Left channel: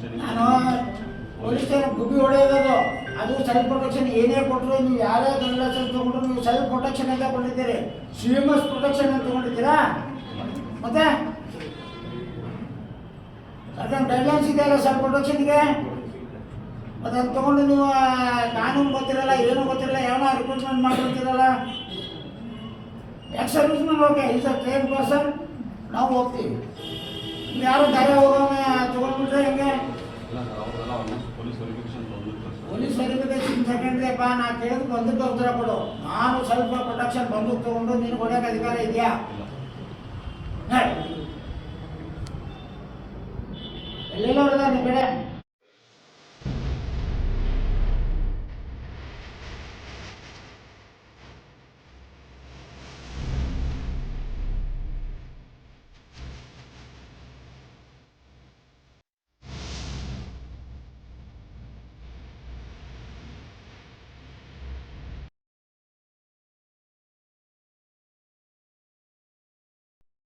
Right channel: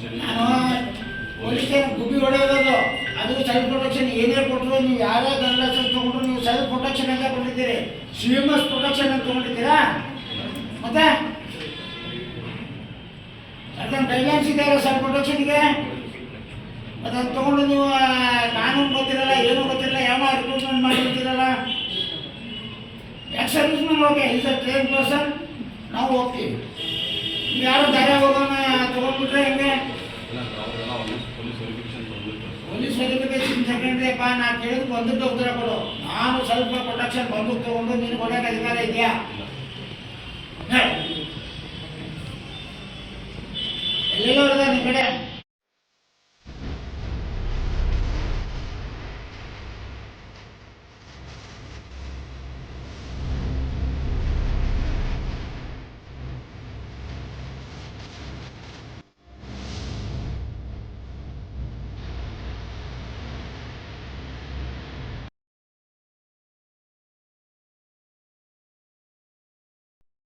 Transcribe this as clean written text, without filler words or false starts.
ನಾನು police station ಗುಬ್ಬಿ ಹೊಡೆಯೋದು ಅದು ಸೆಲ್ಫ್ ಪ್ರೊಟೆಕ್ಷನ್ ಏನೇ ಕೊಟ್ಟರು ನೀವು ಯಾರೇ ಗನ್ ಲೈಸೆನ್ಸ್ ತೊಗೊಂಡ್ರು ನೀವು ಸೆಲ್ಫ್ ಪ್ರೊಟೆಕ್ಷನ್ ಅಂತ ಕೊಟ್ಟಿದ್ದೀರಿ, CMS ಪ್ರೊಟೆಕ್ಷನ್ ಅಂತ ತೊಗೊಂಡಿದ್ದೀರಾ? ಮತ್ತೆ ಅದನ್ನು ಗೈಡ್ಲೈನ್ಸ್ ಇದೆಯಲ್ಲ ಸೆಲ್ಫ್ ಪ್ರೊಟೆಕ್ಷನ್ಗೆ, ಅದನ್ನು ತೊಗೊಂಡು ನೀವು ಕಾನೂನು ಗೊತ್ತಿರಲ್ಲ, ಏನೂ ಗೊತ್ತಿರಲ್ಲ, ಯಾವ ರಿಕ್ರೂಟ್ಮೆಂಟ್ ಮಾಡಿರ್ತೀರಲ್ಲ. Ex serviceman okay, is a train person, ನಾವು ಹೋಗ್ತೀವಿ. ನೀವು ಯಾರು ದಾರಿ ಹೋಗೋಣ ತೊಗೊಂಡ್ಬಿಟ್ರೆ ಹೆಂಗೆ? ಪೊಲೀಸ್ ವೆರಿಫಿಕೇಶನ್ ಸೆಕೆಂಡ್ರಿಯಪ್ಪ, ನಾನು ಕೇಳಿದ್ರೆ ಬಂದಕ್ಕೆ ಉತ್ತರ ಕೊಡು. ನಾನು ಸ್ವಲ್ಪ ಪ್ರೊಟೆಕ್ಷನ್ ಬಂದೂಕು ತೊಗೊಂಡು ನೀನು ಕೊಡೋಕೆ ಅಧಿಕಾರ ಇದೆಯಾ? ಎಲ್ಲೆಲ್ಲೋ